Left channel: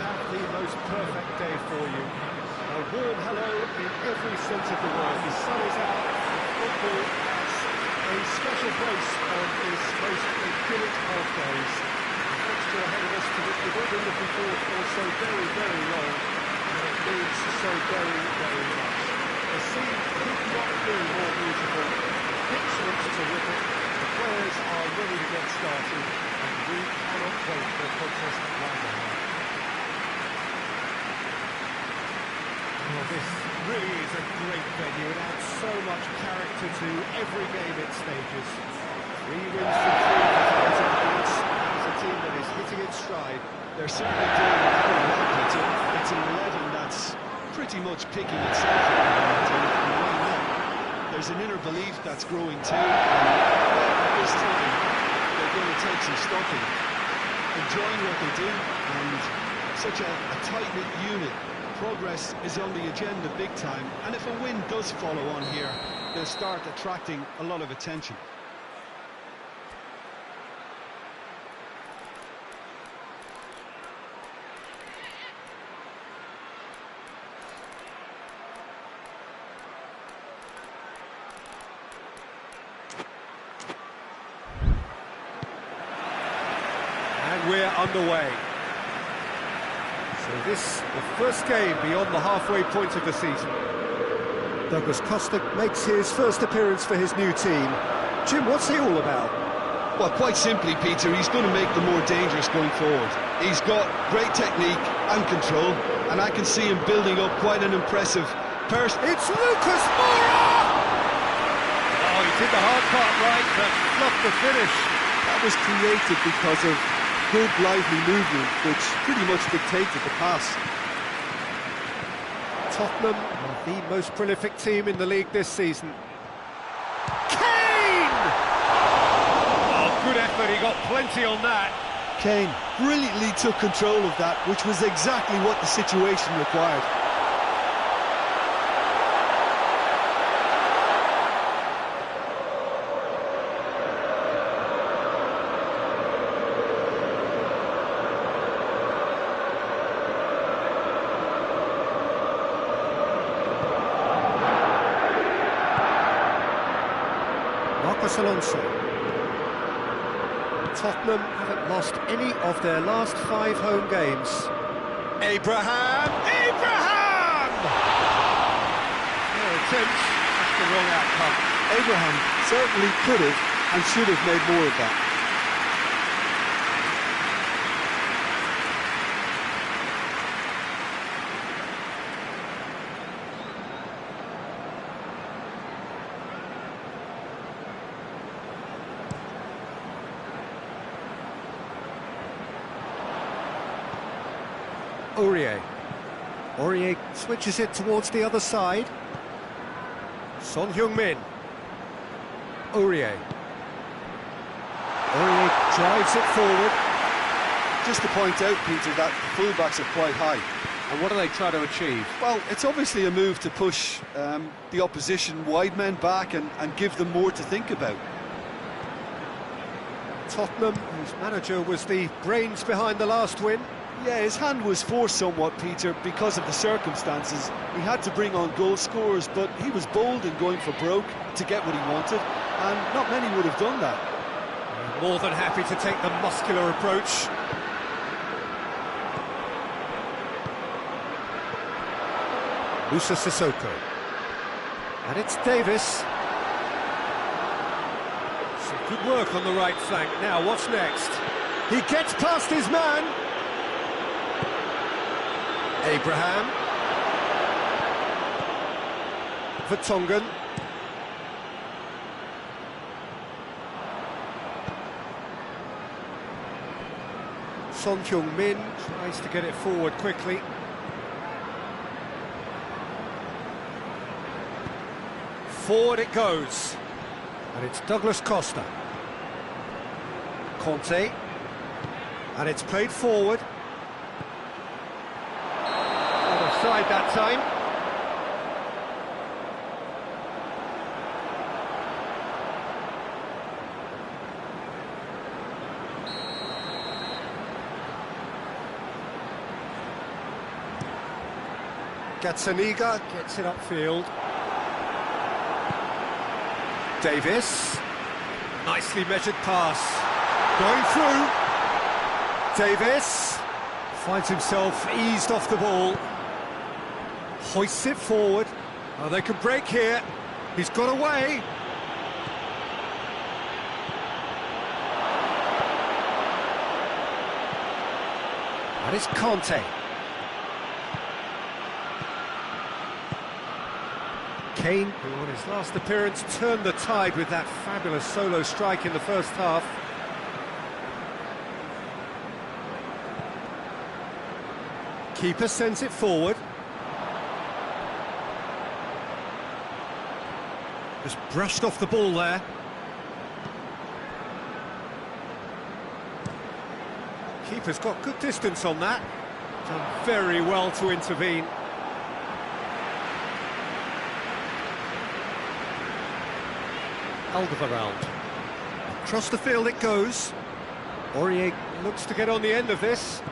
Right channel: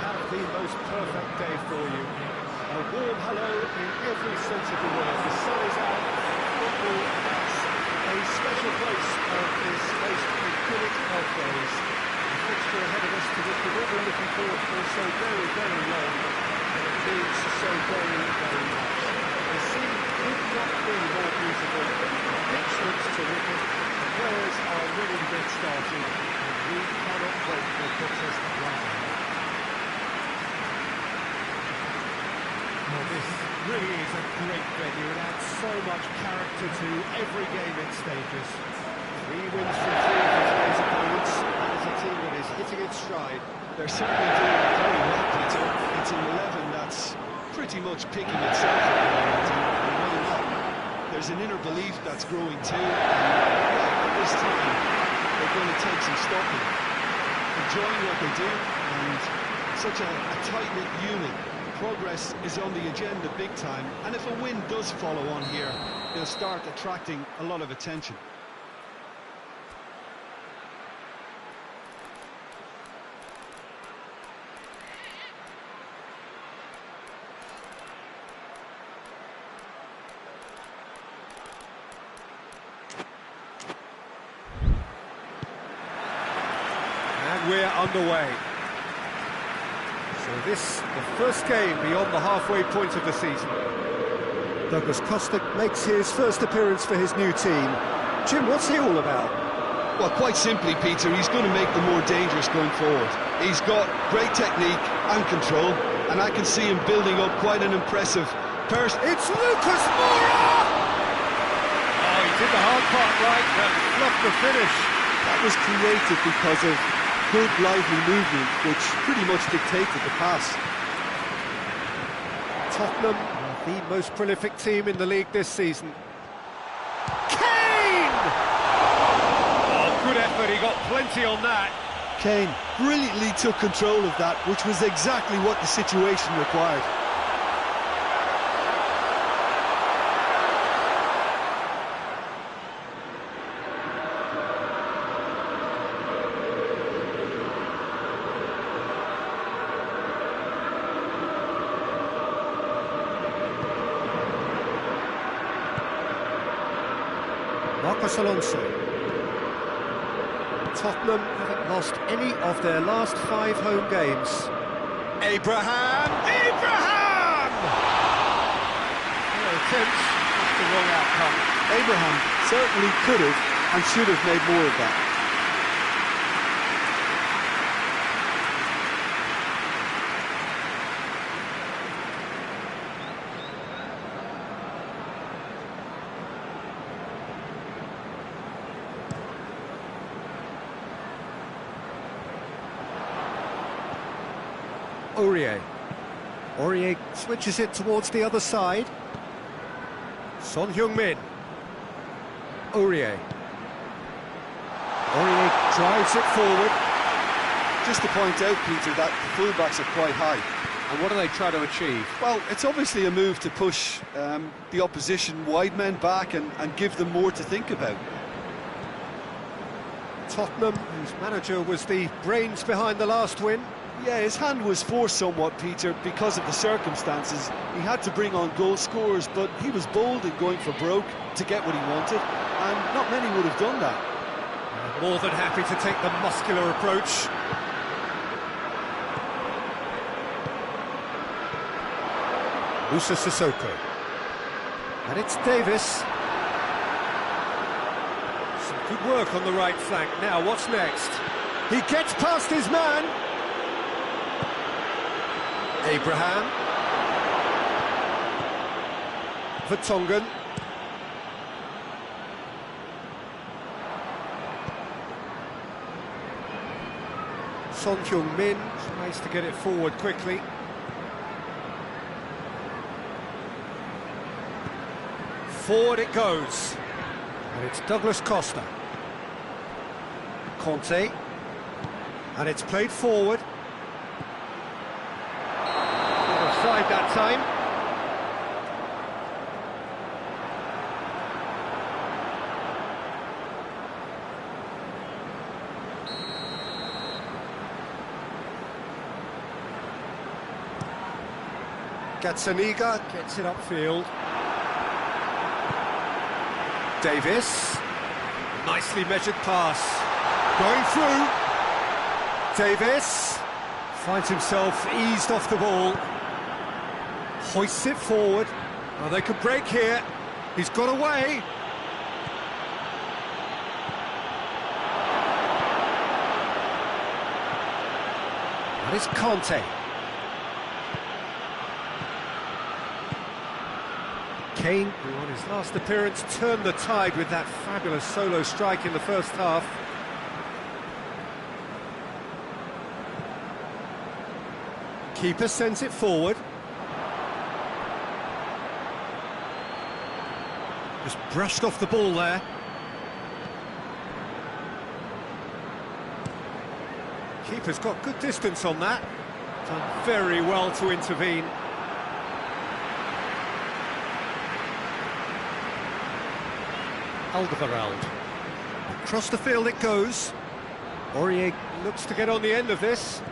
have the most perfect day for you. A warm hello in every sense of the word. The sun is out, and football has a special place on this most idyllic of days. A fixture ahead of us to which we've all been looking forward for so very, very long, and it means so very, very much. The scene could not be more beautiful. The pitch looks terrific. The players are ready to get started, and we cannot wait for the contest that lies ahead. Well, this really is a great venue. It adds so much character to every game it stages. 3 wins from 3 for today's opponents. That is a team that is hitting its stride. They're certainly doing very well, Peter. It's an 11 that's pretty much picking itself at the moment, and why not? There's an inner belief that's growing too, and right at this time, they're going to take some stopping. Enjoying what they do, and such a tight-knit unit. Progress is on the agenda big time, and if a win does follow on here, they'll start attracting a lot of attention. And we're underway. So this, the first game beyond the halfway point of the season. Douglas Costa makes his first appearance for his new team. Jim, what's he all about? Well, quite simply, Peter, he's going to make them more dangerous going forward. He's got great technique and control, and I can see him building up quite an impressive person. It's Lucas Moura! Oh, he did the hard part right, but fluffed the finish. That was created because of good, lively movement, which pretty much dictated the pass. Tottenham are the most prolific team in the league this season. Kane! Oh, good effort, he got plenty on that. Kane brilliantly took control of that, which was exactly what the situation required. Marcos Alonso. Tottenham haven't lost any of their last 5 home games. Abraham! Abraham! Their attempt, that's the wrong outcome. Abraham certainly could have and should have made more of that. Aurier. Aurier switches it towards the other side. Son Heung-min. Aurier. Aurier drives it forward. Just to point out, Peter, that the fullbacks are quite high. And what do they try to achieve? Well, it's obviously a move to push the opposition wide men back and give them more to think about. Tottenham, whose manager was the brains behind the last win. Yeah, his hand was forced somewhat, Peter, because of the circumstances. He had to bring on goal scorers, but he was bold in going for broke to get what he wanted, and not many would have done that. More than happy to take the muscular approach. Musa Sissoko. And it's Davis. Some good work on the right flank. Now, what's next? He gets past his man. Abraham. Vertonghen. Son Heung-min tries to get it forward quickly. Forward it goes. And it's Douglas Costa. Conte. And it's played forward. Not offside that time. Gazzaniga gets it upfield. Davis. Nicely measured pass. Going through. Davis finds himself eased off the ball. Hoists it forward. Oh, they can break here. He's got away. That is Conte. Kane, who on his last appearance turned the tide with that fabulous solo strike in the first half. Keeper sends it forward. Just brushed off the ball there. Keeper's got good distance on that. Done very well to intervene. Alderweireld. Across the field it goes. Aurier looks to get on the end of this.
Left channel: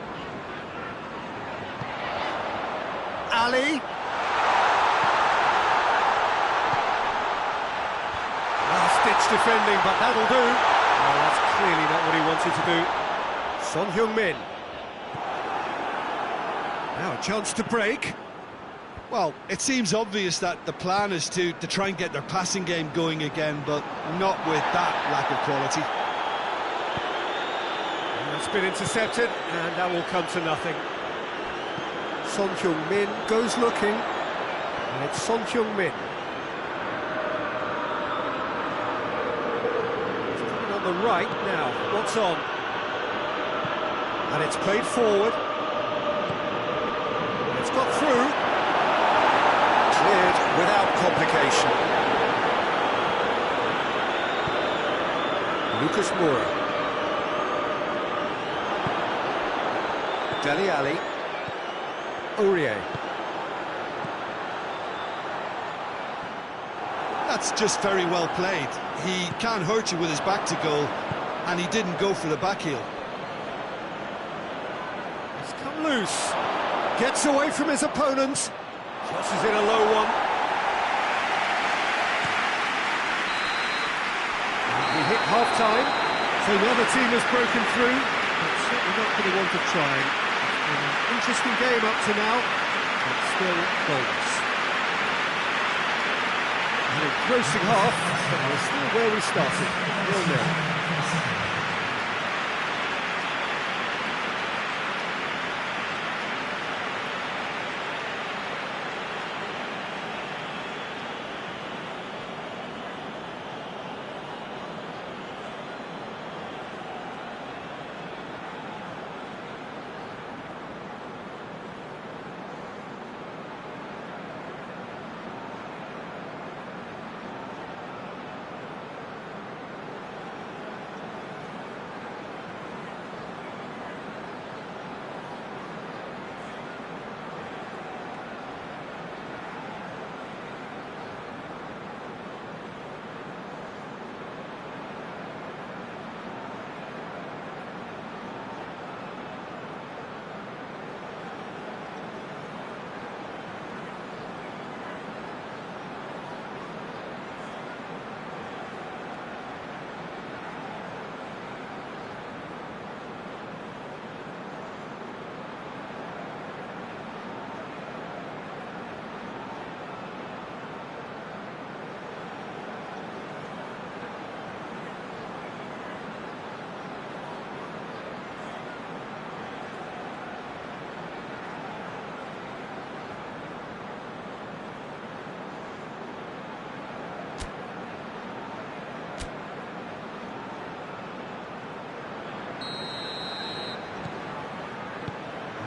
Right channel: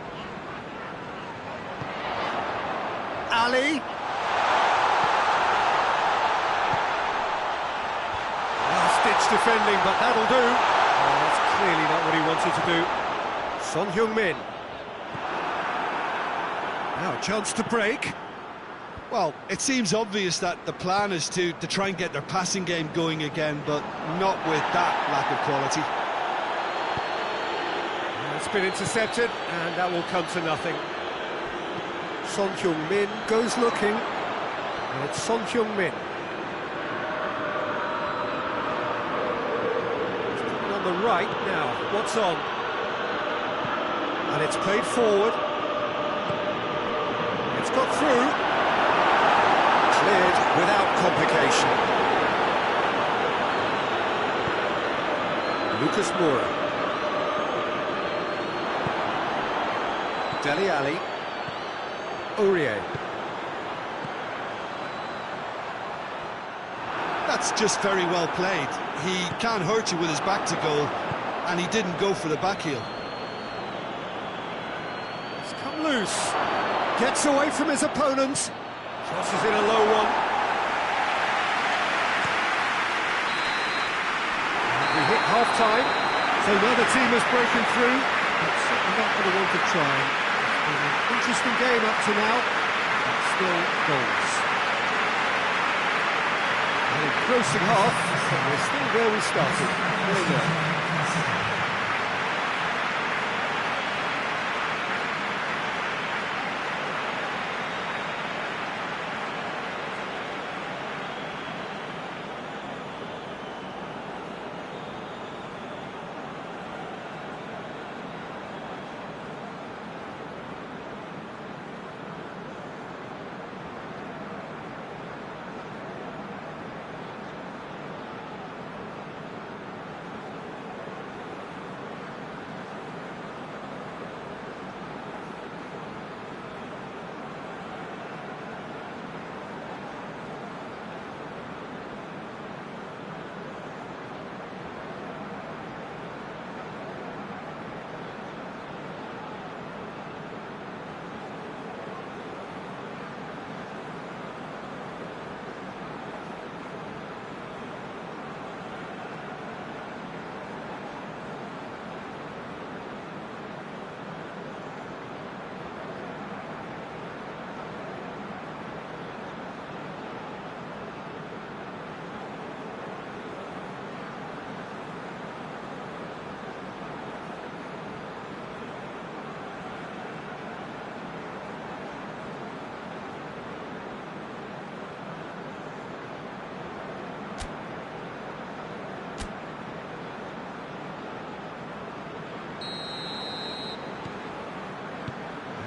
Ali. Last-ditch defending, but that'll do. Oh, that's clearly not what he wanted to do. Son Heung-min. Now a chance to break. Well, it seems obvious that the plan is to try and get their passing game going again, but not with that lack of quality. That's been intercepted, and that will come to nothing. Son Heung-min goes looking, and it's Son Heung-min. He's coming on the right now. What's on? And it's played forward. It's got through. Cleared without complication. Lucas Moura. Dele Alli. Aurier. That's just very well played. He can't hurt you with his back to goal, and he didn't go for the back heel. He's come loose. Gets away from his opponent. Crosses in a low one. And we hit half-time, so another team has broken through, but certainly not for the want of trying. It's been an interesting game up to now, but still goals. An engrossing half, but we're still where we started, 0-0.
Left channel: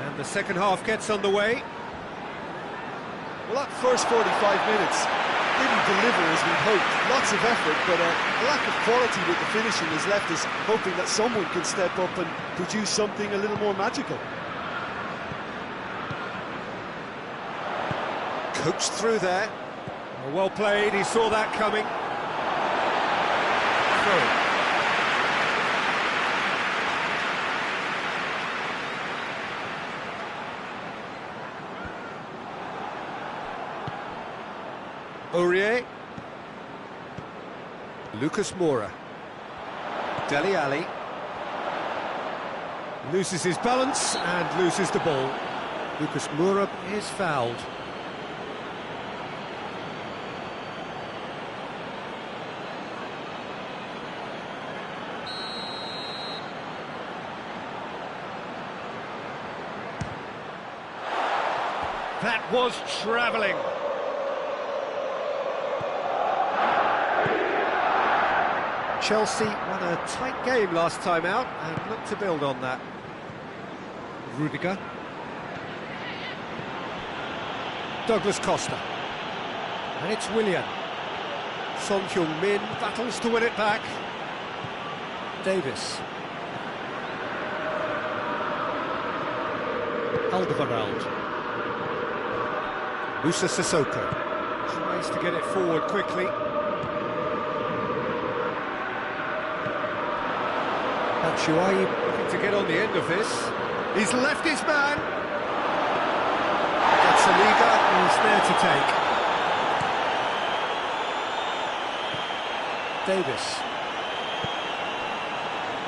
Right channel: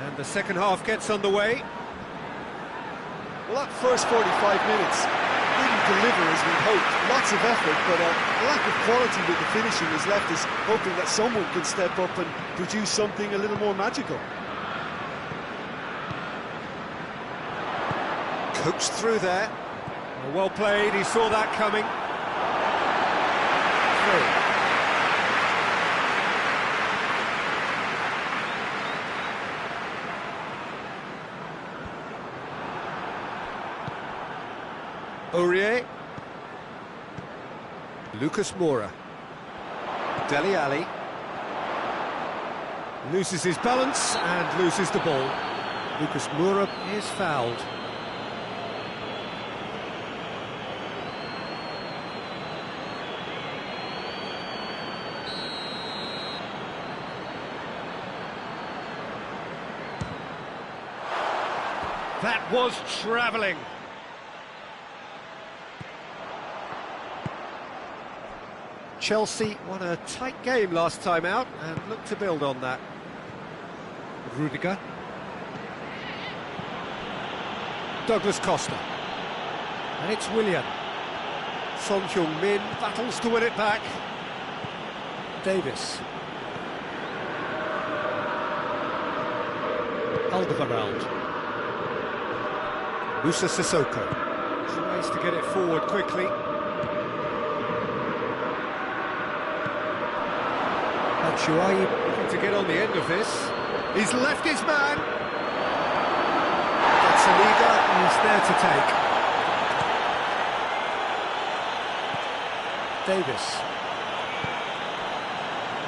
And the second half gets underway. Well, that first 45 minutes didn't deliver as we'd hoped. Lots of effort, but a lack of quality with the finishing has left us hoping that someone can step up and produce something a little more magical. Coached through there. Oh, well played, he saw that coming. Through. Aurier. Lucas Moura. Dele Alli. Loses his balance and loses the ball. Lucas Moura is fouled. That was travelling. Chelsea won a tight game last time out and look to build on that. Rudiger. Douglas Costa. And it's Willian. Son Heung-min battles to win it back. Davis. Alderweireld. Moussa Sissoko. Tries to get it forward quickly. Batshuayi looking to get on the end of this. He's left his man. Gazzaniga is there to take. Davis.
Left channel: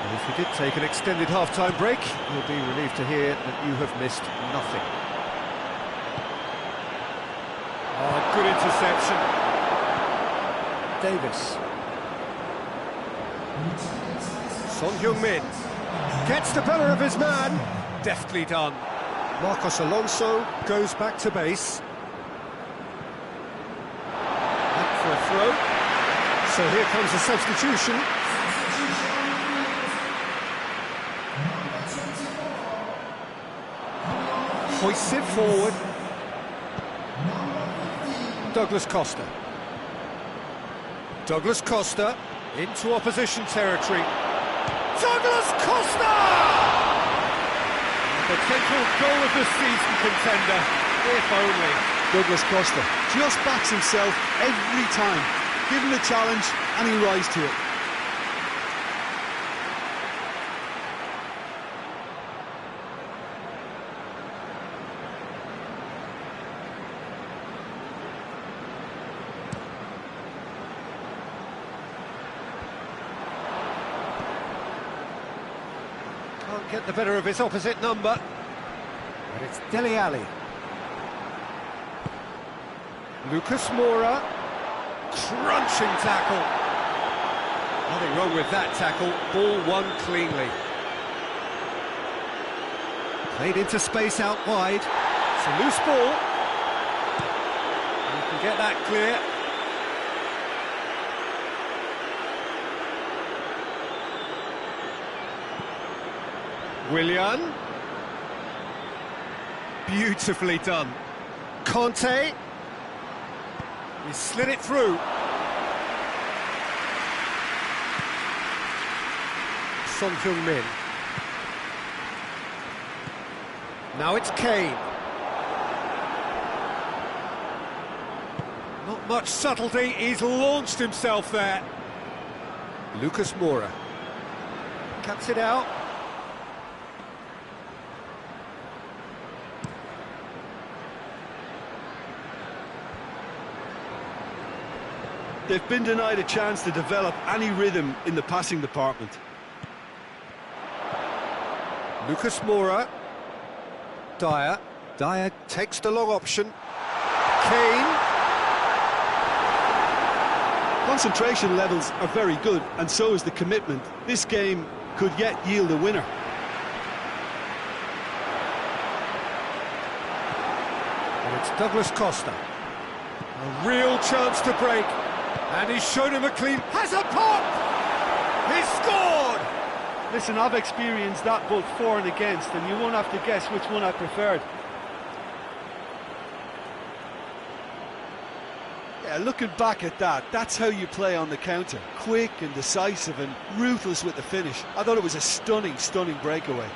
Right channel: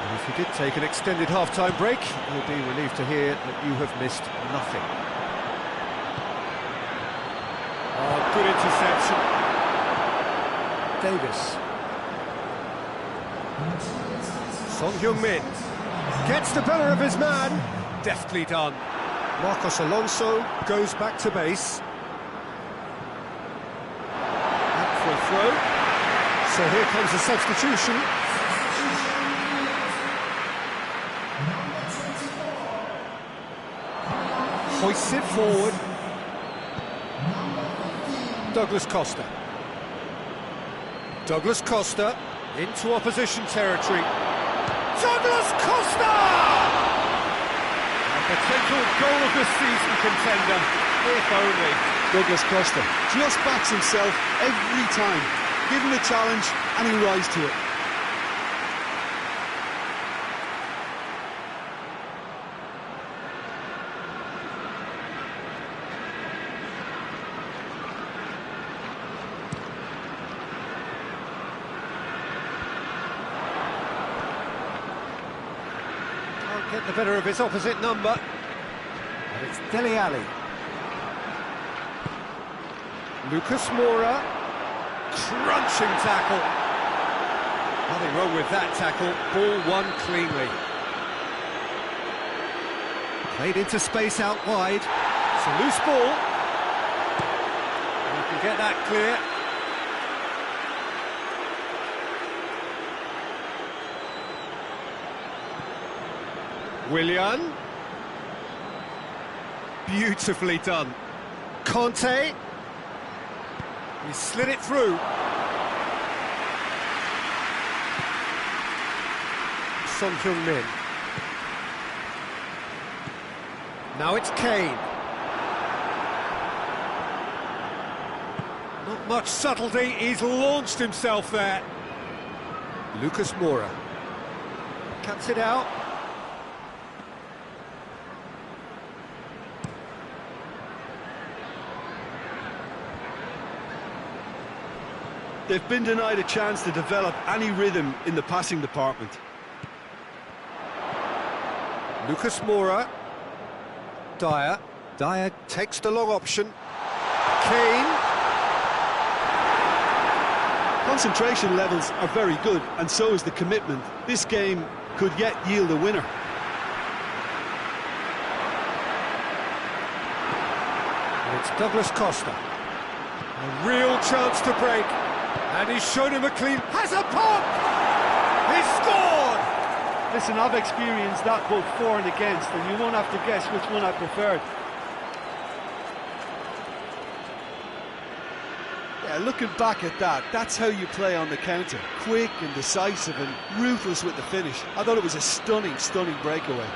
And if you did take an extended half-time break, you'll be relieved to hear that you have missed nothing. Oh, good interception. Davis. Son Heung-min gets the better of his man. Deftly done. Marcos Alonso goes back to base. Out for a throw. So here comes the substitution. Hoists it forward. Douglas Costa. Douglas Costa into opposition territory. Douglas Costa! A potential goal of the season contender, if only. Douglas Costa just backs himself every time. Give him a challenge and he'll rise to it. Can't get the better of his opposite number. But it's Dele Alli. Lucas Moura. Crunching tackle. Nothing wrong with that tackle. Ball won cleanly. Played into space out wide. It's a loose ball. You can get that clear. Willian. Beautifully done. Conte. He slid it through. Son Heung-min. Now it's Kane. Not much subtlety, he's launched himself there. Lucas Moura. Cuts it out. They've been denied a chance to develop any rhythm in the passing department. Lucas Moura. Dyer. Dyer takes the long option. Kane. Concentration levels are very good, and so is the commitment. This game could yet yield a winner. And it's Douglas Costa. A real chance to break. And he's shown him a clean... Has a pop! He's scored! Listen, I've experienced that both for and against, and you won't have to guess which one I preferred. Yeah, looking back at that, that's how you play on the counter. Quick and decisive and ruthless with the finish. I thought it was a stunning, stunning breakaway.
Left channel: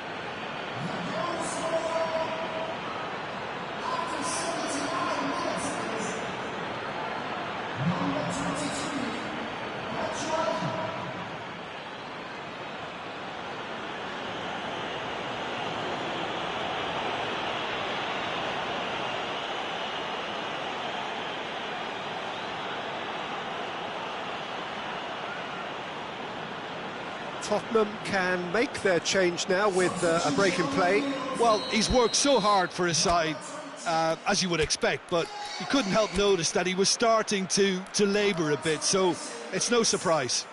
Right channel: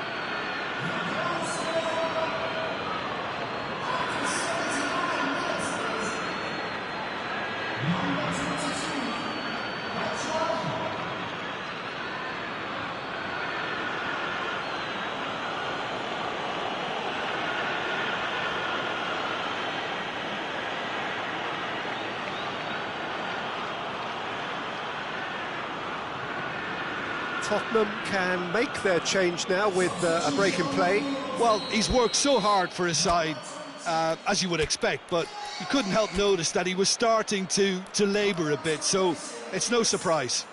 Tottenham can make their change now with a break in play. Well, he's worked so hard for his side, as you would expect, but you couldn't help notice that he was starting to labour a bit, so it's no surprise.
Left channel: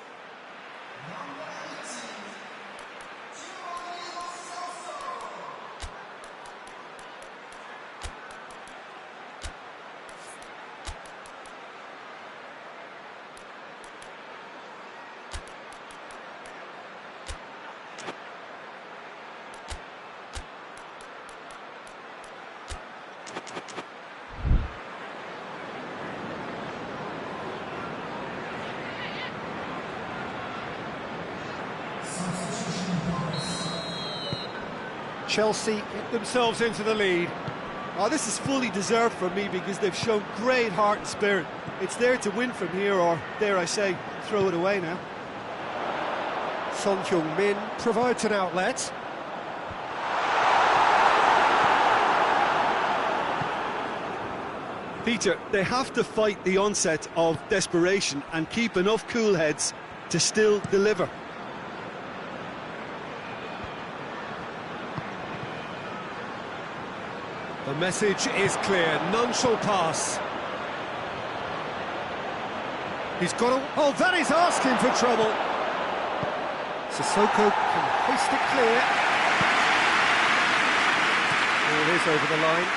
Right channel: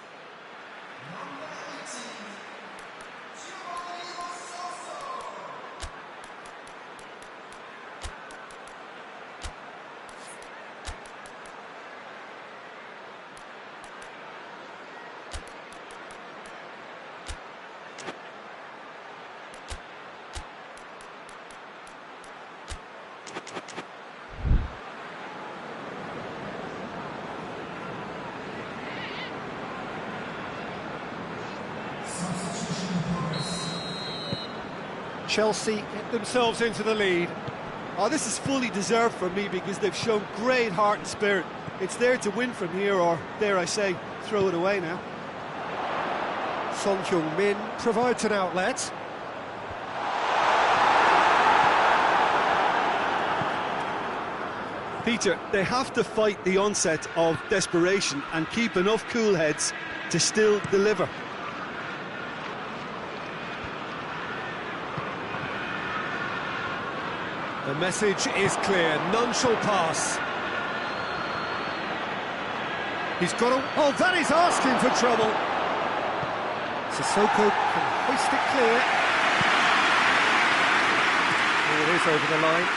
Chelsea get themselves into the lead. Oh, this is fully deserved for me because they've shown great heart and spirit. It's there to win from here, or, dare I say, throw it away now. Son Heung-min provides an outlet. Peter, they have to fight the onset of desperation and keep enough cool heads to still deliver. The message is clear, none shall pass. He's got a... Oh, that is asking for trouble. Sissoko can hoist it clear. Oh, it is over the line.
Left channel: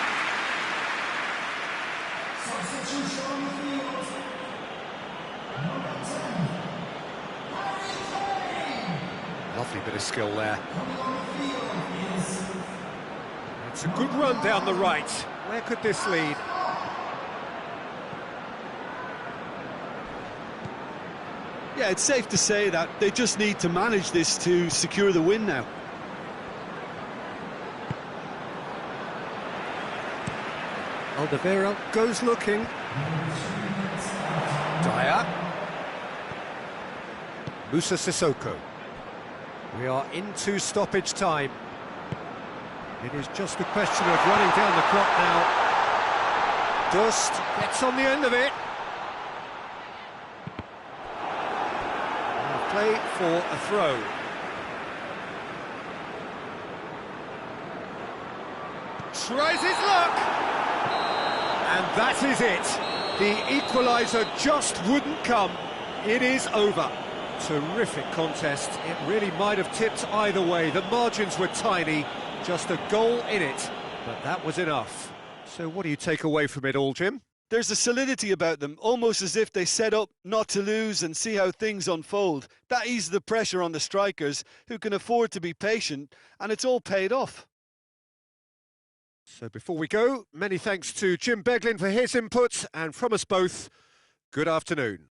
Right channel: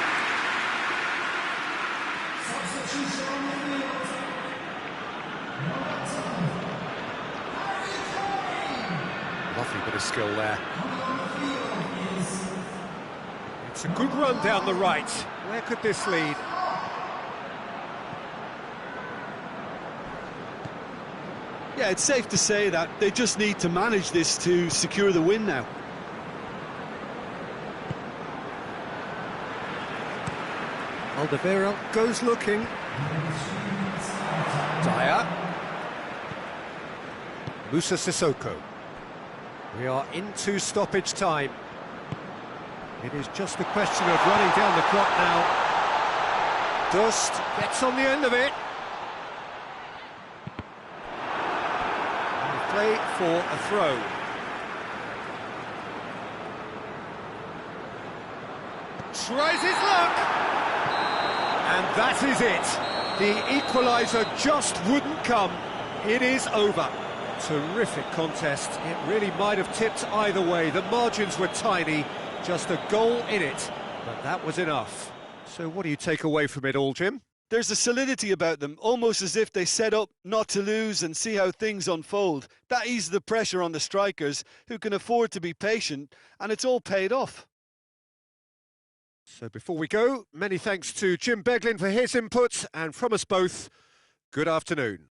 Lovely bit of skill there. It's a good run down the right. Where could this lead? Yeah, it's safe to say that they just need to manage this to secure the win now. Alderweireld goes looking. Dyer. Moussa Sissoko. We are into stoppage time. It is just a question of running down the clock now. Dust gets on the end of it. And a play for a throw. Tries his luck. And that is it. The equaliser just wouldn't come. It is over. Terrific contest. It really might have tipped either way. The margins were tiny. Just a goal in it, but that was enough. So what do you take away from it all, Jim? There's a solidity about them, almost as if they set up not to lose and see how things unfold. That eases the pressure on the strikers, who can afford to be patient, and it's all paid off. So before we go, many thanks to Jim Beglin for his input, and from us both, good afternoon.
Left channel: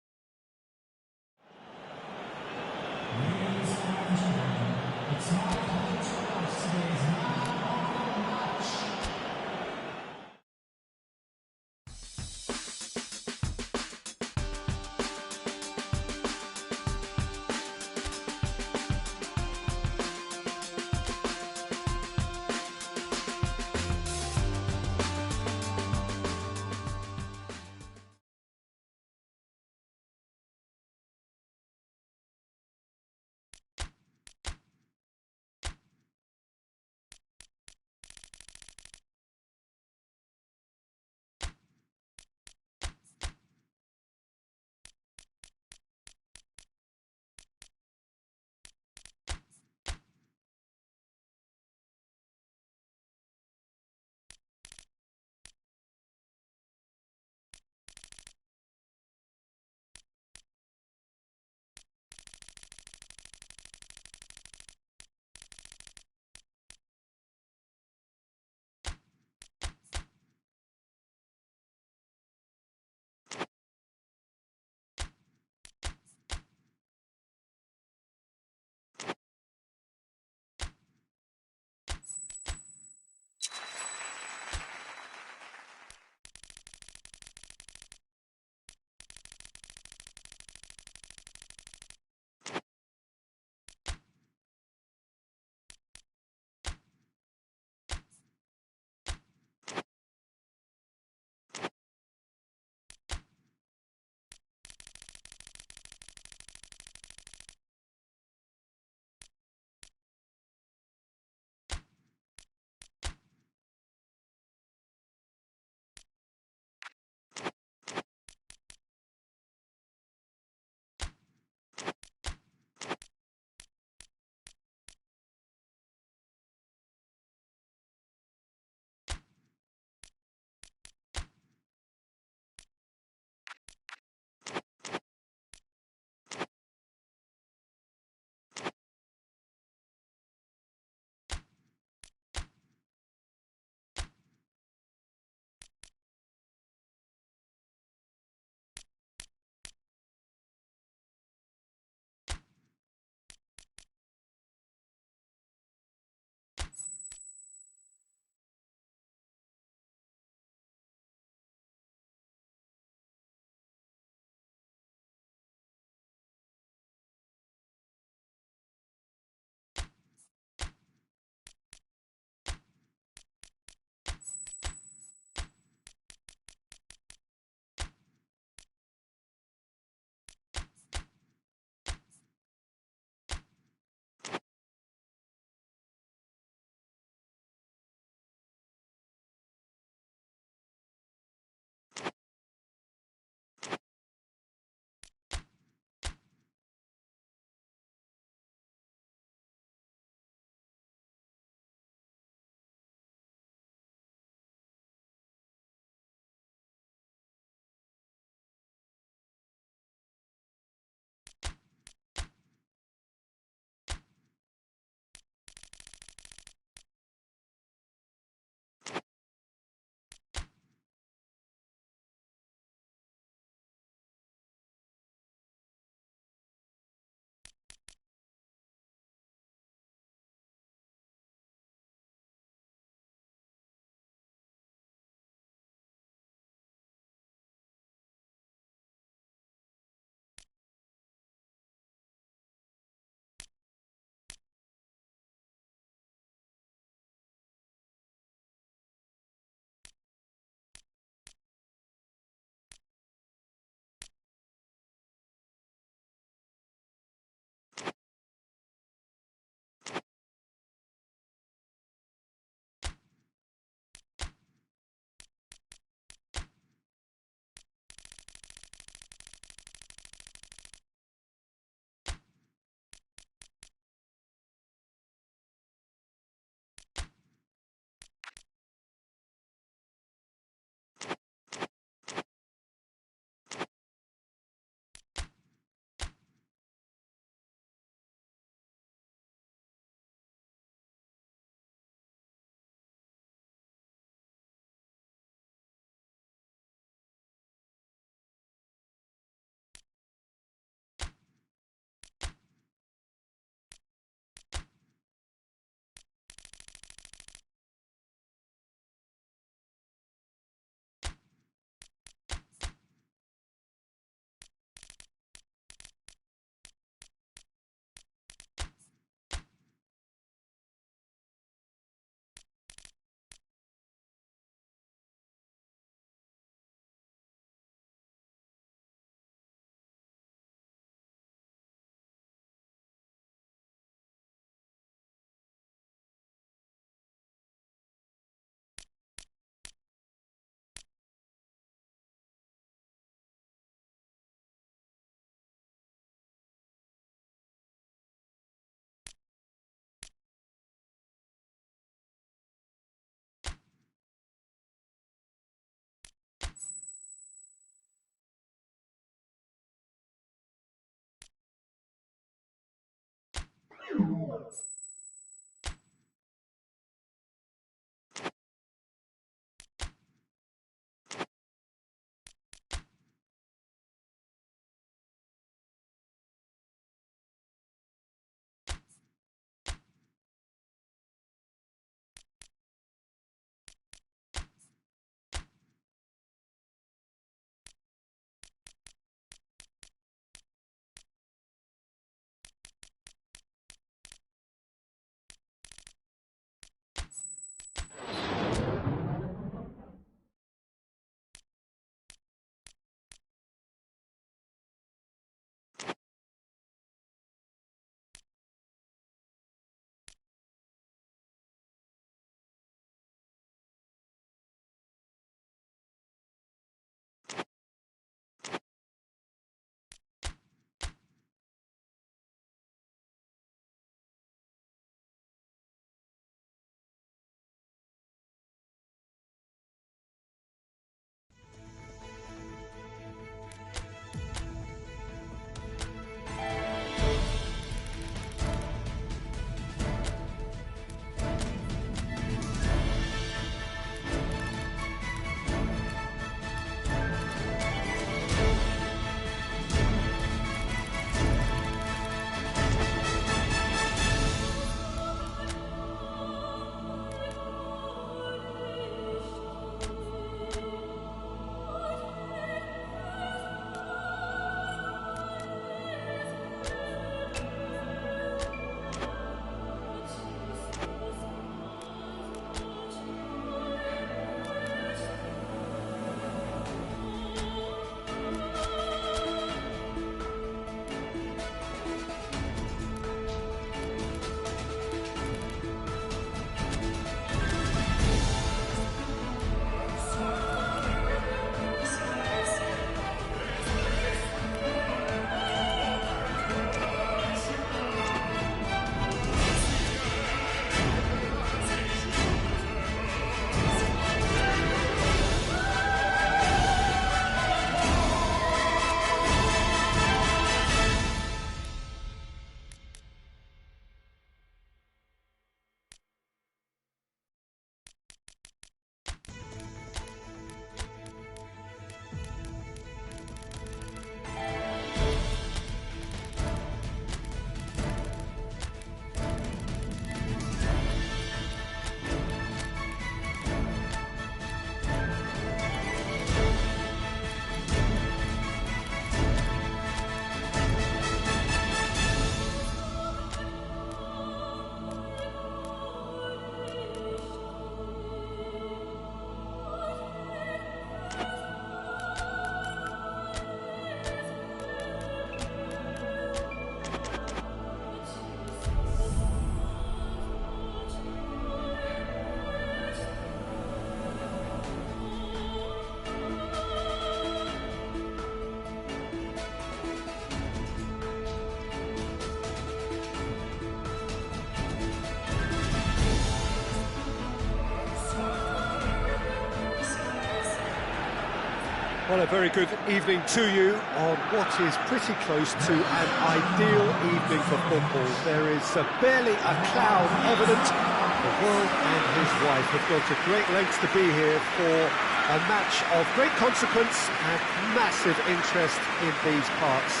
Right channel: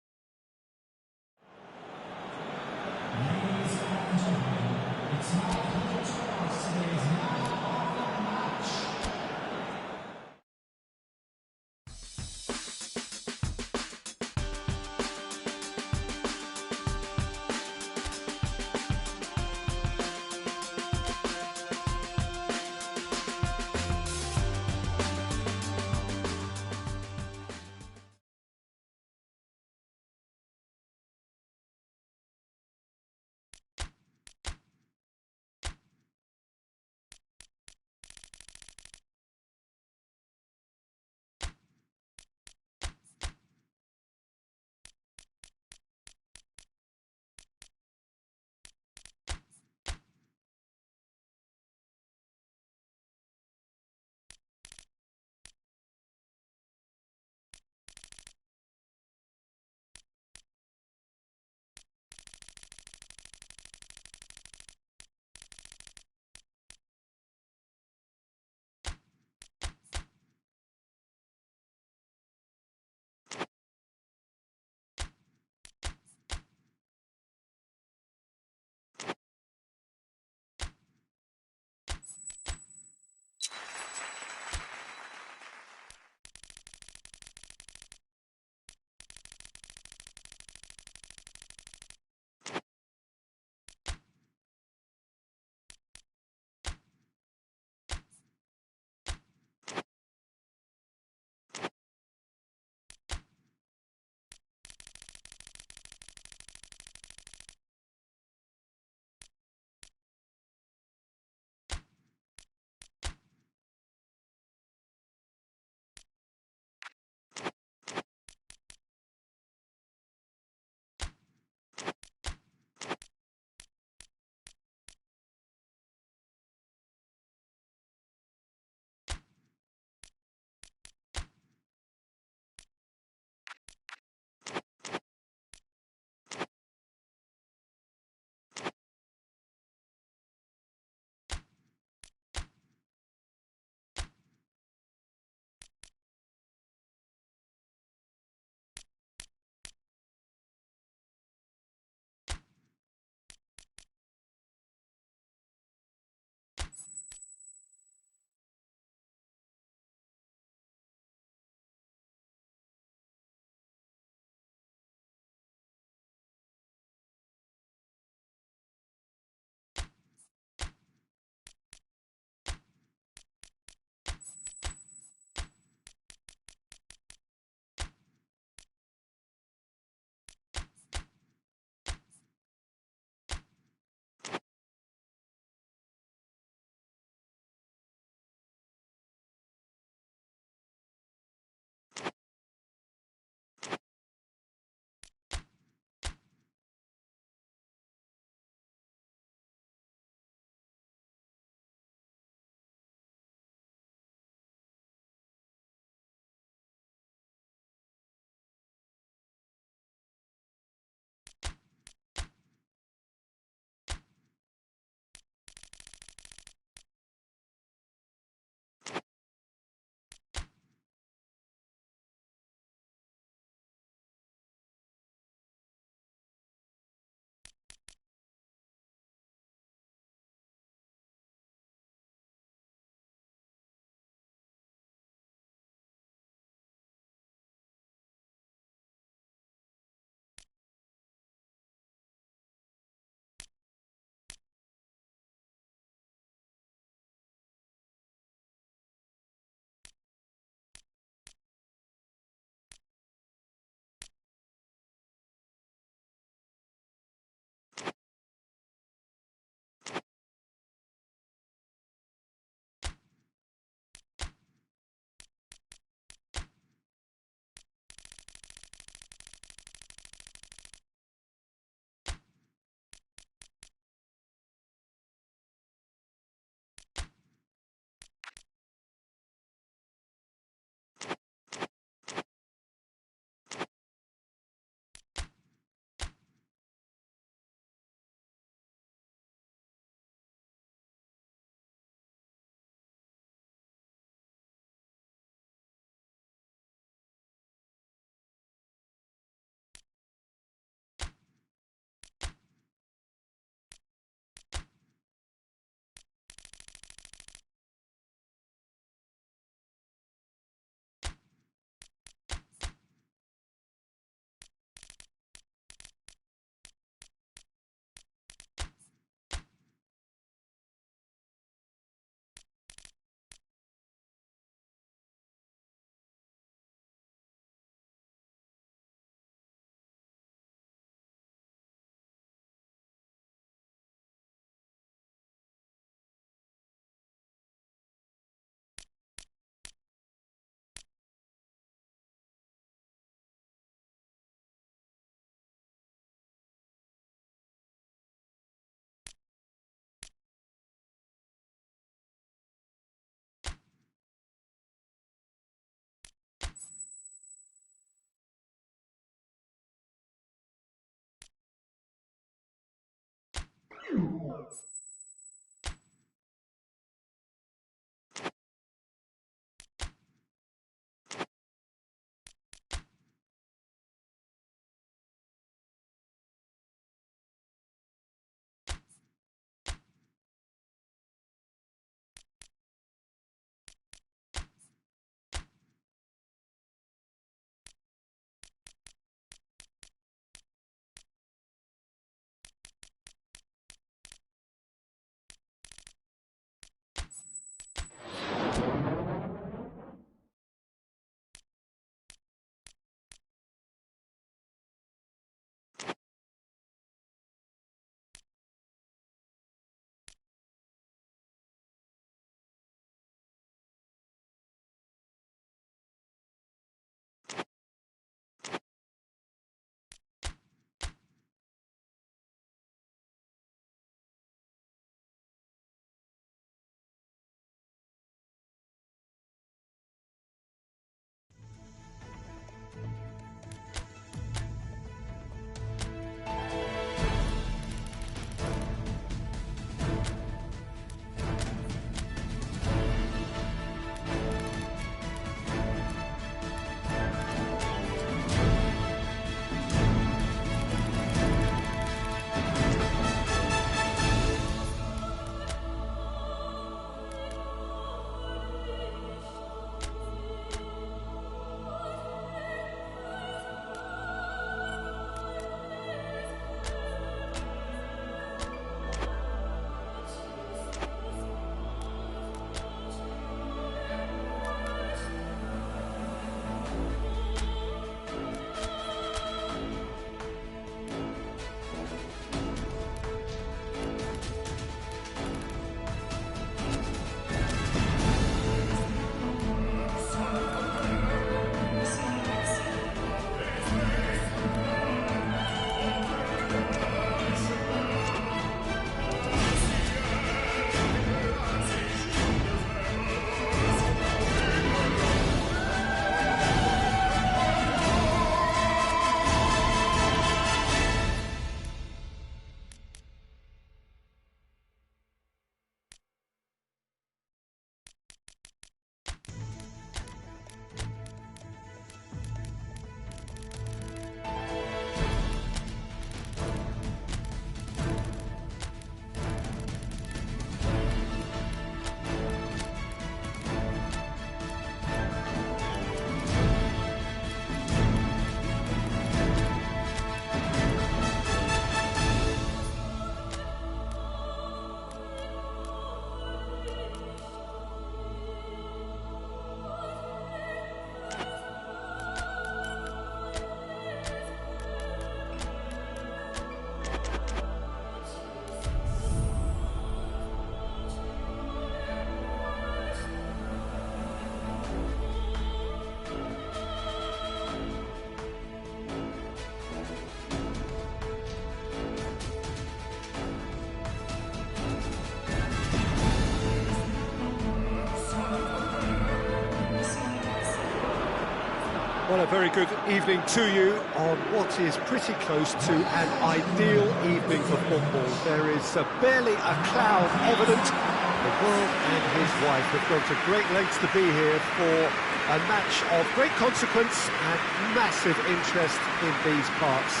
Well, a very good evening to you on what is pretty close to an ideal evening for football. There is barely a cloud evident. The world and his wife have gone to great lengths to be here for a match of great consequence and massive interest in these parts.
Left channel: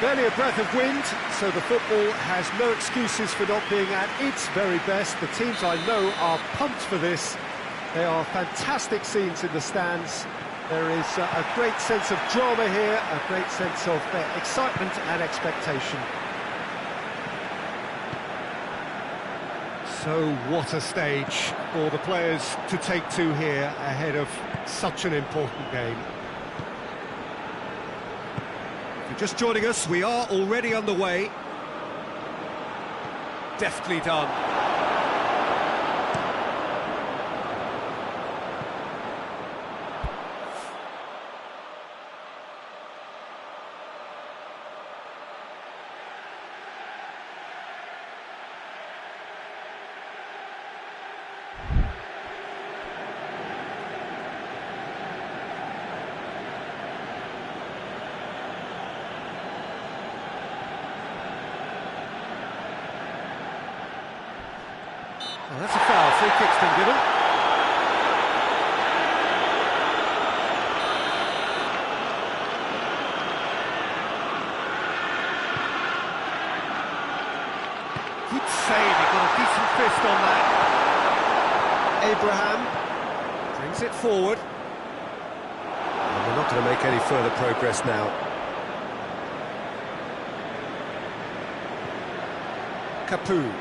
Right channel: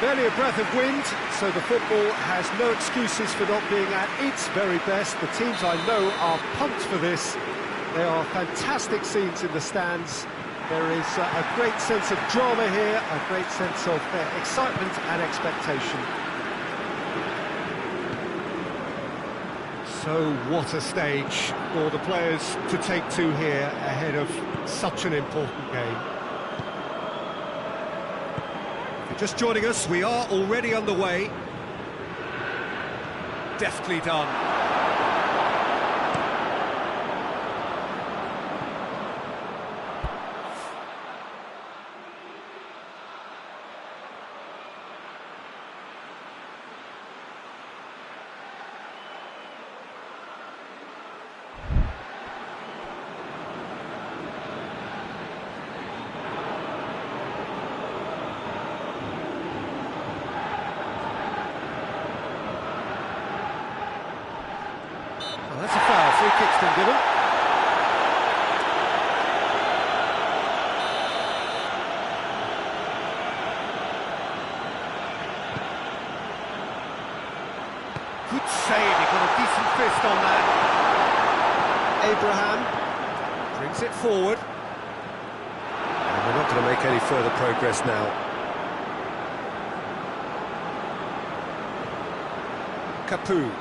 Barely a breath of wind, so the football has no excuses for not being at its very best. The teams I know are pumped for this. There are fantastic scenes in the stands. There is a great sense of drama here, a great sense of excitement and expectation. So what a stage for the players to take to here ahead of such an important game. If you're just joining us, we are already underway. Deftly done. Oh, that's a foul. Free kick's been given. Good save, he got a decent fist on that. Abraham brings it forward. And they're not going to make any further progress now. Capoue.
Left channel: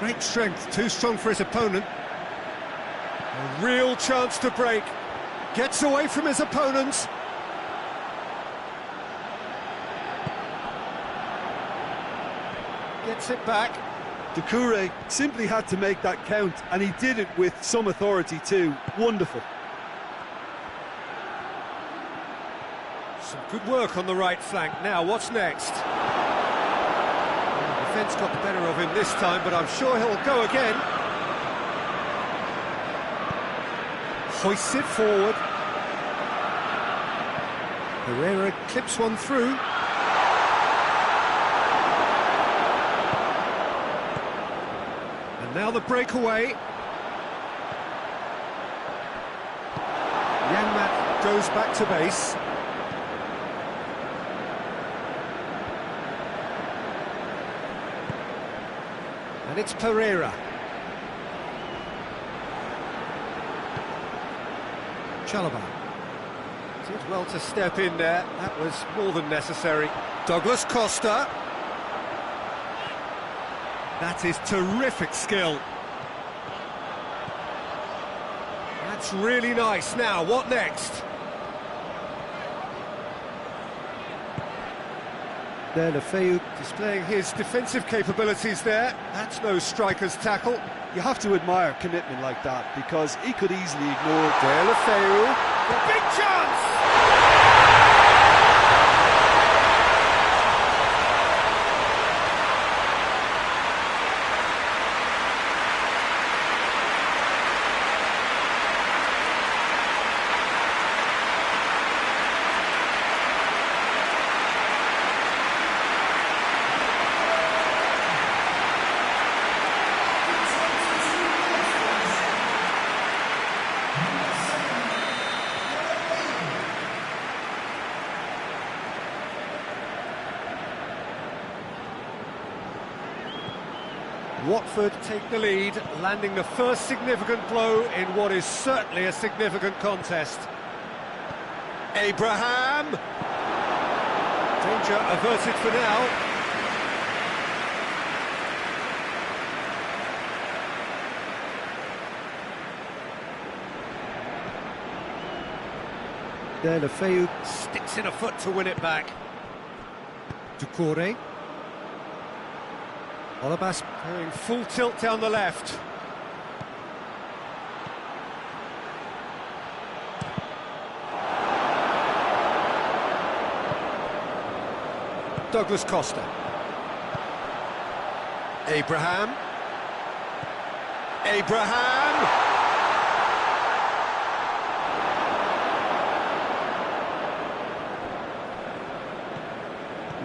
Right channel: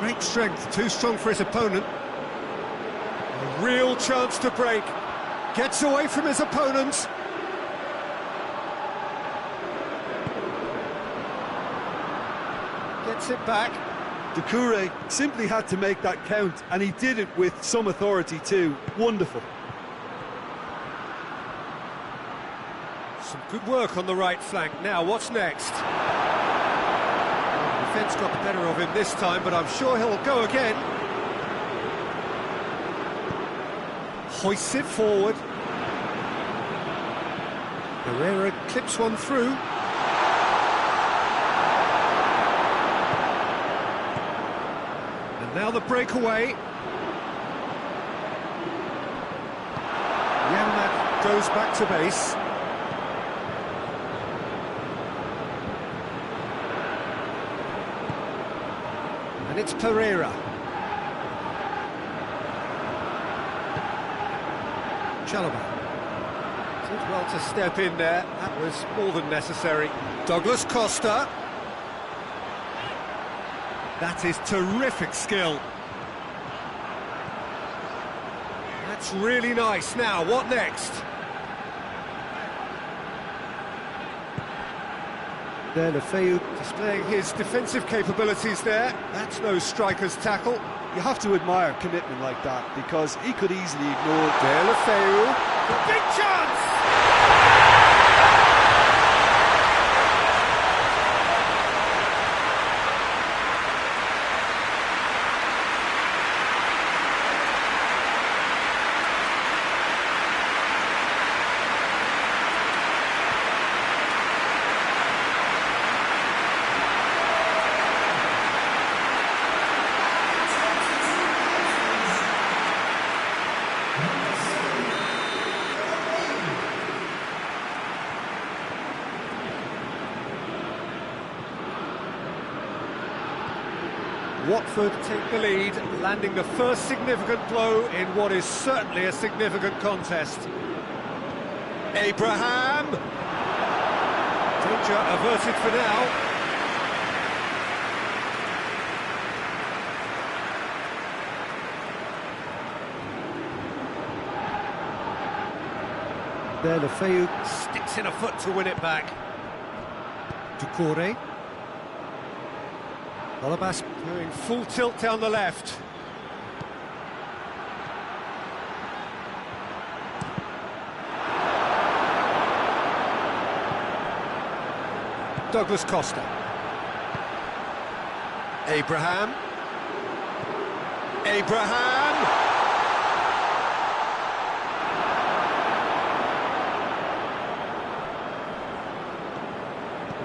Great strength, too strong for his opponent. A real chance to break. Gets away from his opponent. Gets it back. Doucouré simply had to make that count, and he did it with some authority too. Wonderful. Some good work on the right flank. Now, what's next? Well, the defence got the better of him this time, but I'm sure he'll go again. Hoists it forward. Herrera clips one through. And now the breakaway. Janmaat goes back to base. And it's Pereira. Chalobah did well to step in there. That was more than necessary. Douglas Costa. That is terrific skill. That's really nice. Now, what next? Deulofeu Displaying his defensive capabilities there. That's no striker's tackle. You have to admire commitment like that, because he could easily ignore Deulofeu. Big chance! Watford take the lead, landing the first significant blow in what is certainly a significant contest. Abraham! Danger averted for now. Deulofeu. Sticks in a foot to win it back. Doucouré. Olabas going full tilt down the left. Douglas Costa. Abraham. Abraham!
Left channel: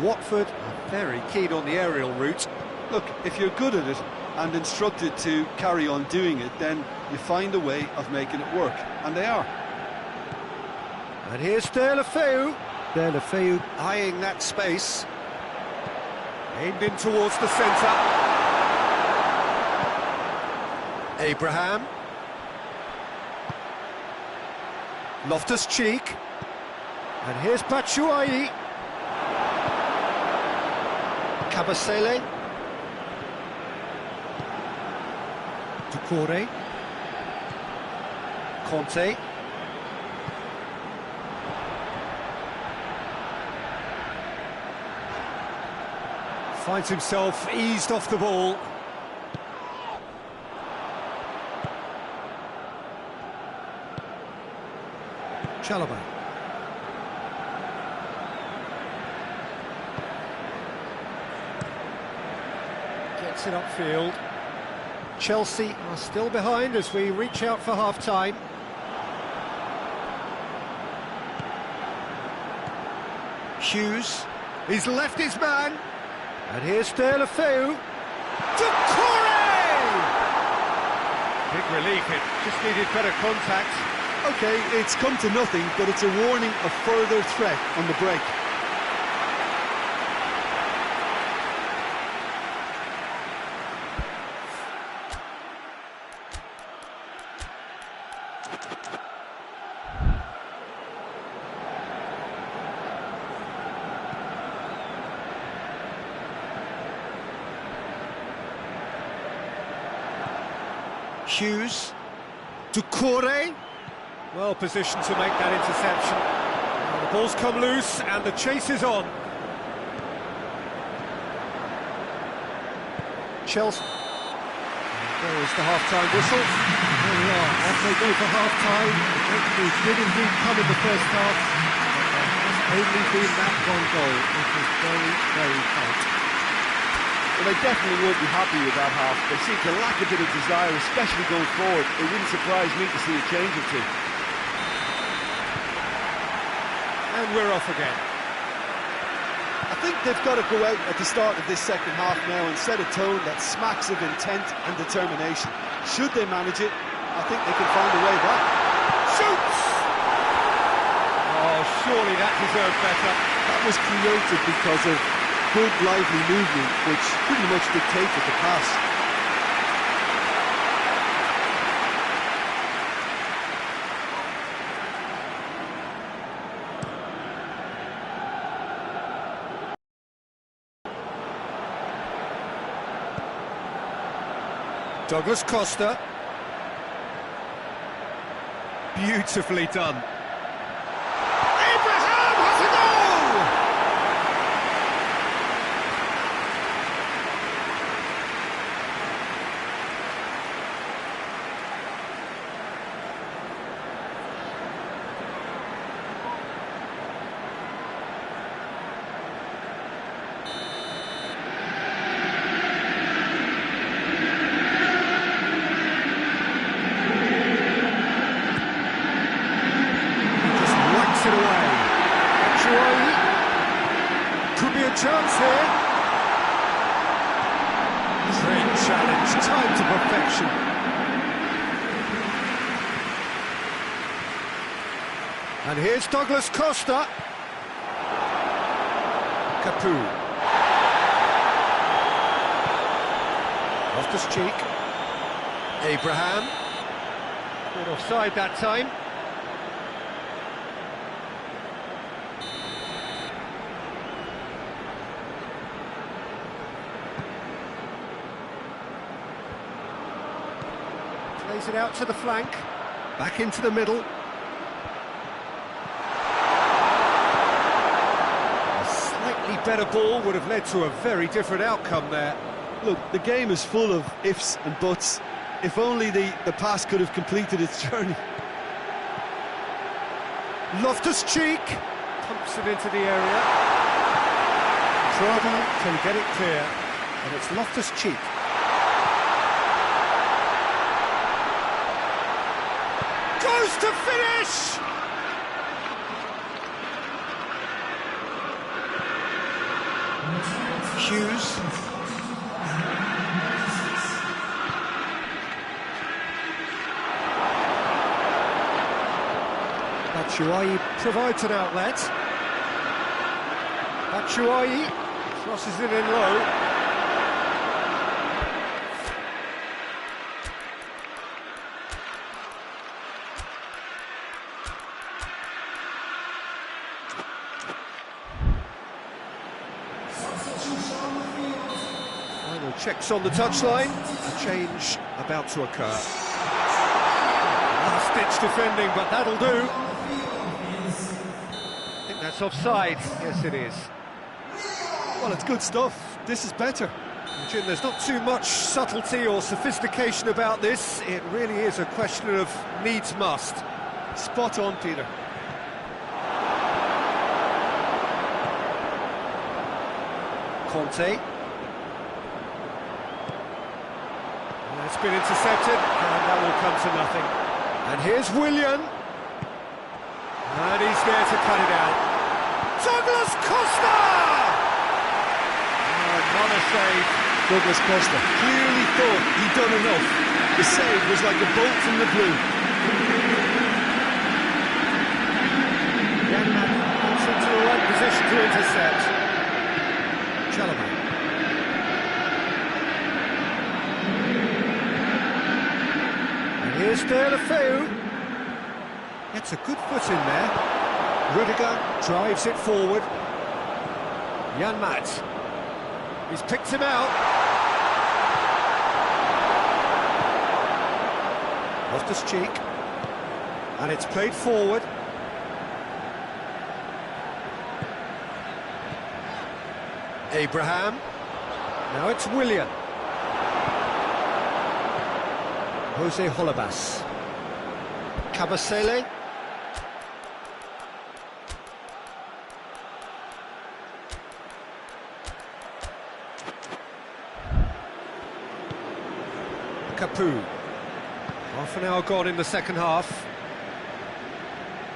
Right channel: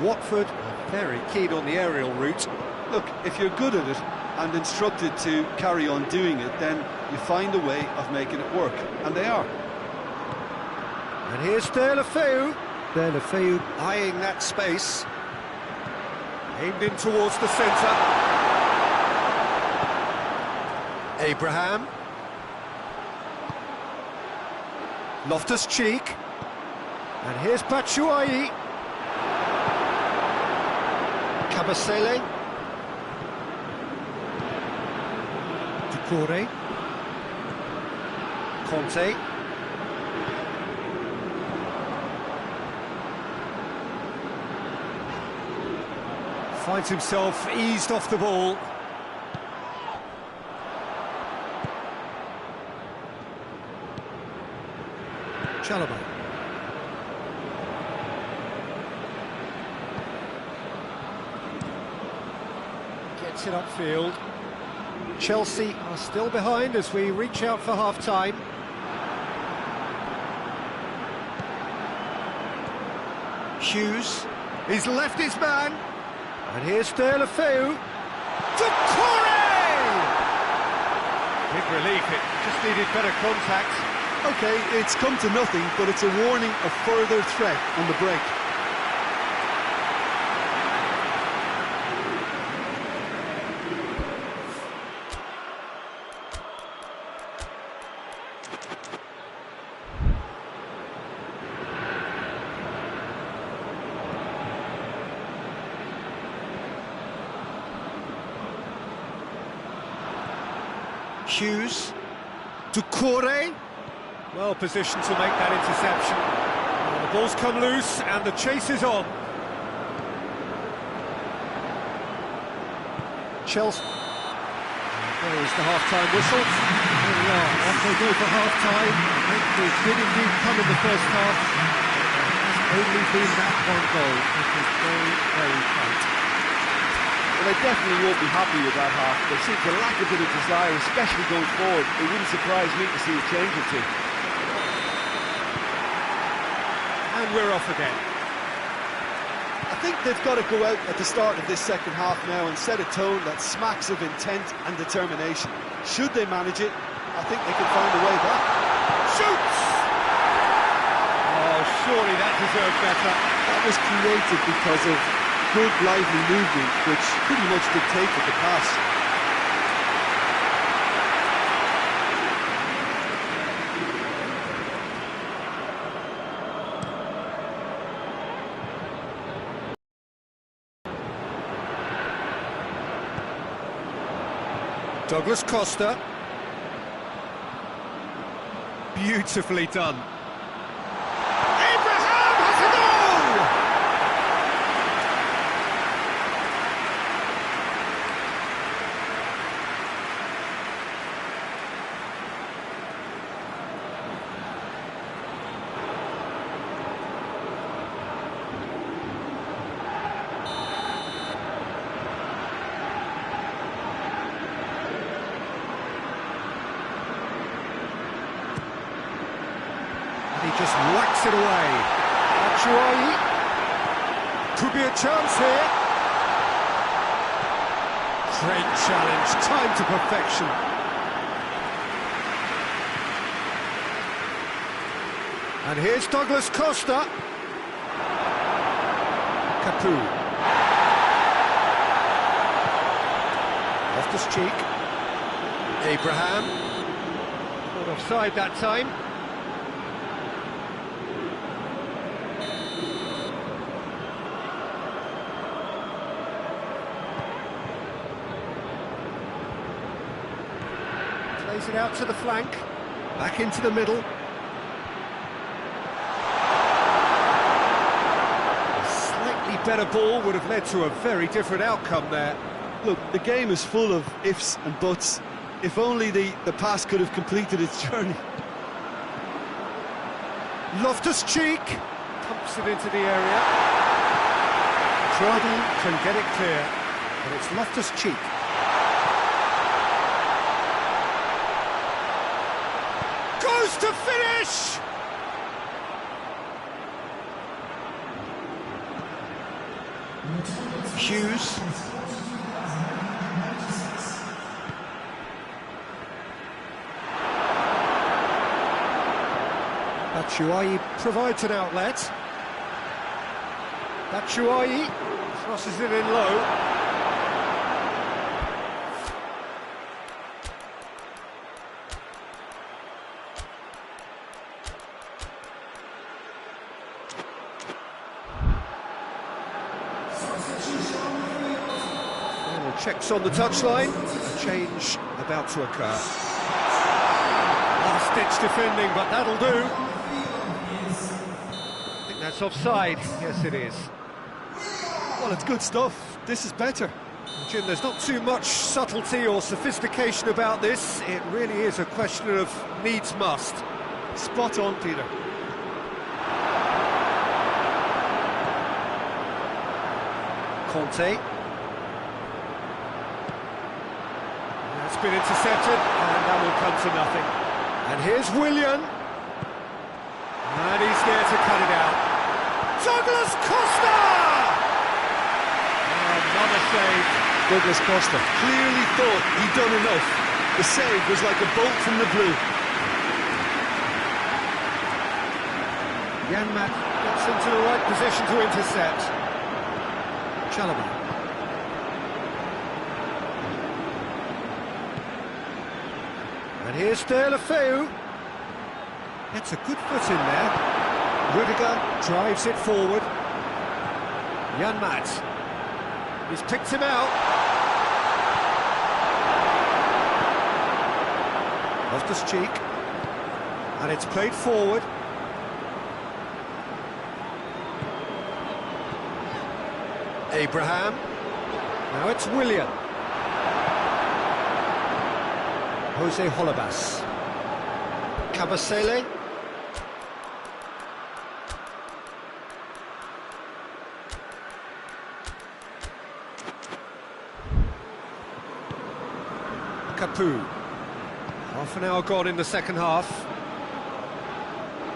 Watford are very keen on the aerial route. Look, if you're good at it and instructed to carry on doing it, then you find a way of making it work, and they are. And here's Deulofeu. Deulofeu Eyeing that space. Aimed in towards the centre. Abraham. Loftus-Cheek. And here's Batshuayi. Kabasele. Doucouré. Conte. Finds himself eased off the ball. Chalobah. Gets it upfield. Chelsea are still behind as we reach out for half-time. Hughes. He's left his man. And here's Deulofeu. Doucouré! relief, it just needed better contact. OK, it's come to nothing, but it's a warning of further threat on the break. Hughes, Doucouré, well positioned to make that interception. Well, the ball's come loose and the chase is on. Chelsea. And there is the half-time whistle. There we are, off they go for half-time. The breakthrough did indeed come in the first half, but there has only been that one goal. It was very, very tight. Well, they definitely won't be happy with that half. They seem to lack a bit of desire, especially going forward. It wouldn't surprise me to see a change or two. And we're off again. I think they've got to go out at the start of this second half now and set a tone that smacks of intent and determination. Should they manage it, I think they can find a way back. Shoots! Oh, surely that deserved better. That was created because of good, lively movement, which pretty much dictated the pass. Douglas Costa. Beautifully done. Abraham has a goal! It away. Batshuayi. Could be a chance here. Great challenge, time to perfection. And here's Douglas Costa. Capu. Loftus-Cheek. Abraham. Caught offside that time. Plays it out to the flank, back into the middle. A slightly better ball would have led to a very different outcome there. Look, the game is full of ifs and buts. If only the pass could have completed its journey. Loftus-Cheek pumps it into the area. Trouble can get it clear, and it's Loftus-Cheek. Goes to finish! Hughes. Batshuayi provides an outlet. Batshuayi crosses it in low. Final checks on the touchline. A change about to occur. Last-ditch defending, but that'll do. I think that's offside. Yes, it is. Well, it's good stuff. This is better. Jim, there's not too much subtlety or sophistication about this. It really is a question of needs must. Spot on, Peter. Conte. That's been intercepted, and that will come to nothing. And here's Willian. And he's there to cut it out. Douglas Costa! Another save. Douglas Costa clearly thought he'd done enough. The save was like a bolt from the blue. Janmaat gets into the right position to intercept. Chalobah. And here's Deulofeu. Gets a good foot in there. Rudiger drives it forward. Janmaat. He's picked him out. Loftus-Cheek. And it's played forward. Abraham. Now it's Willian. Jose Holebas. Kabasele. Capoue. Half an hour gone in the second half.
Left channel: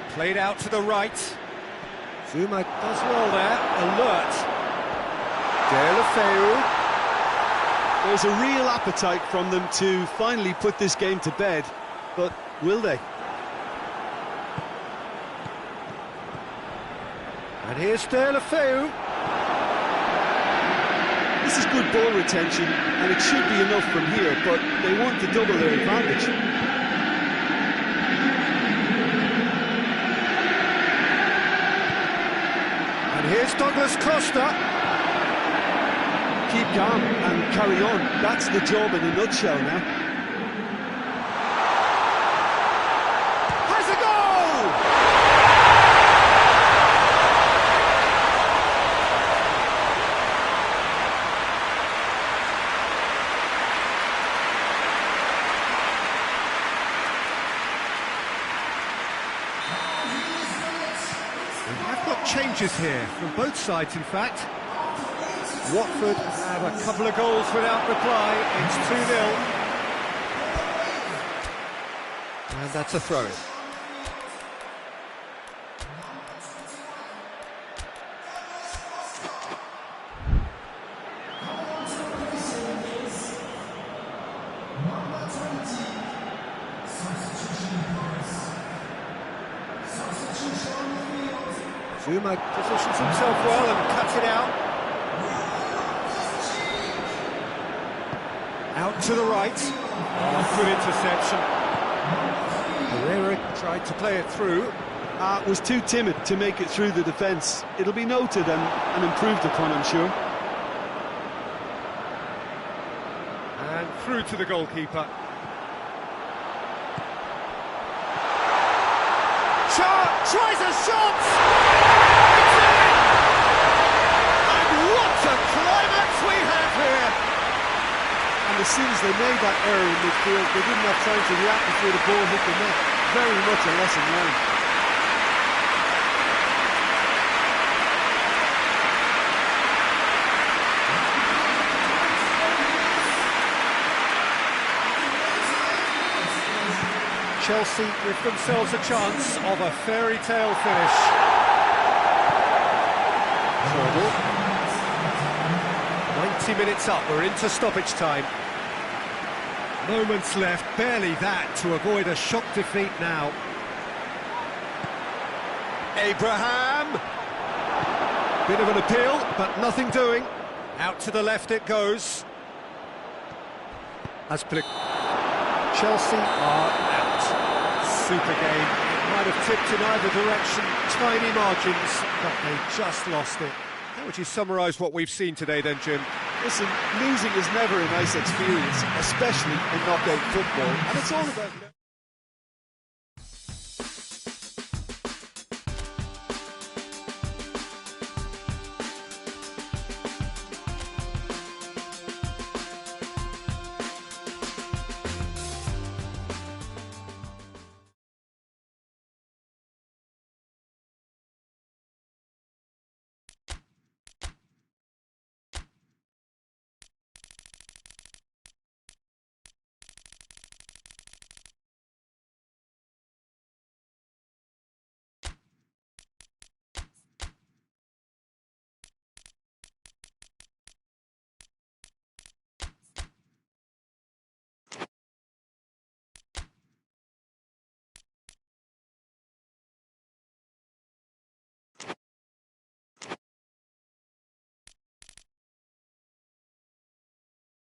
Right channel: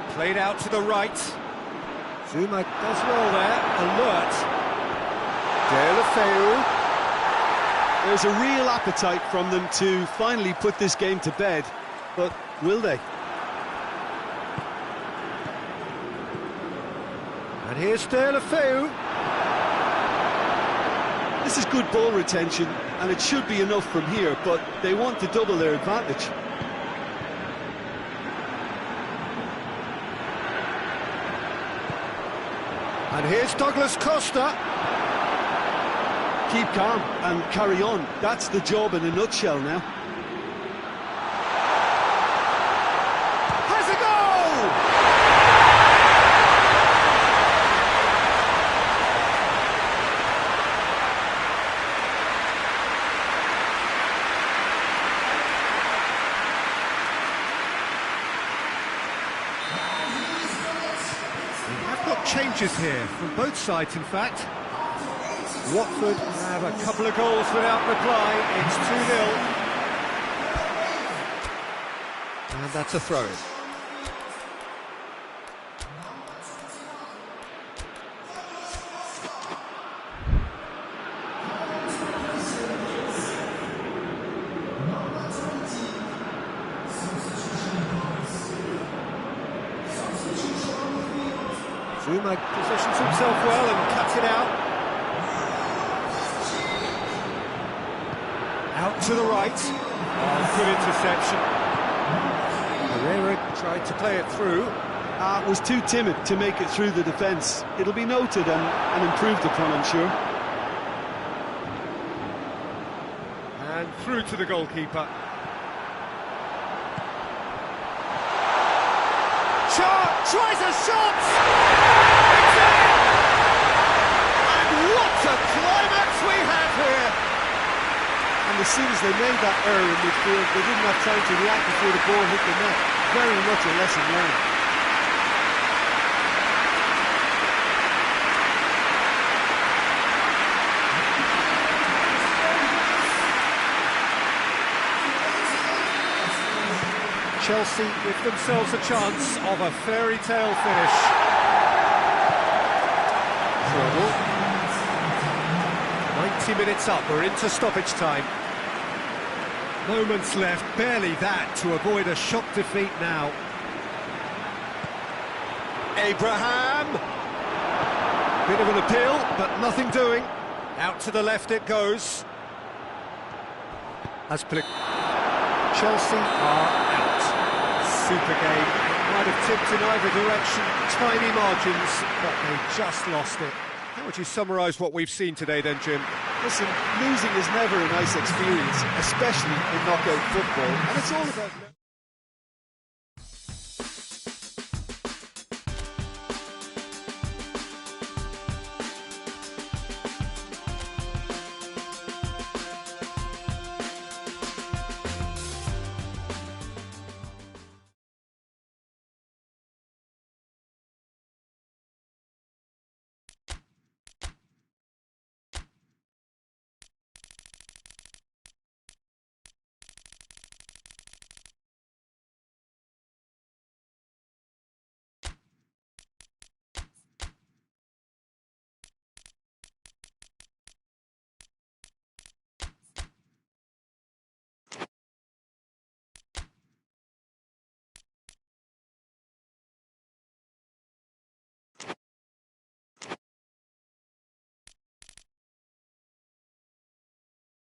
Played out to the right. Zuma does well there. Alert. Deulofeu. There's a real appetite from them to finally put this game to bed, but will they? And here's Deulofeu. This is good ball retention, and it should be enough from here, but they want to double their advantage. And here's Douglas Costa. Keep calm and carry on. That's the job in a nutshell now. Has a goal! We have got changes here, from both sides in fact. Watford have a couple of goals without reply, it's 2-0. And that's a throw-in. Zuma positions himself well and cuts it out. Out to the right. Oh, good interception. Herrera tried to play it through. Was too timid to make it through the defence. It'll be noted and improved upon, I'm sure. And through to the goalkeeper. Shot! Tries a shot! It's in! And what a climax we have here! And as soon as they made that error in midfield, they didn't have time to react before the ball hit the net. Very much a lesson learned. Chelsea give themselves a chance of a fairy tale finish. Trouble. 90 minutes up, we're into stoppage time. Moments left, barely that, to avoid a shock defeat now. Abraham! Bit of an appeal, but nothing doing. Out to the left it goes. Chelsea are out. Super game. It might have tipped in either direction, tiny margins, but they just lost it. How would you summarise what we've seen today then, Jim? Listen, losing is never a nice experience, especially in knockout football, and it's all about...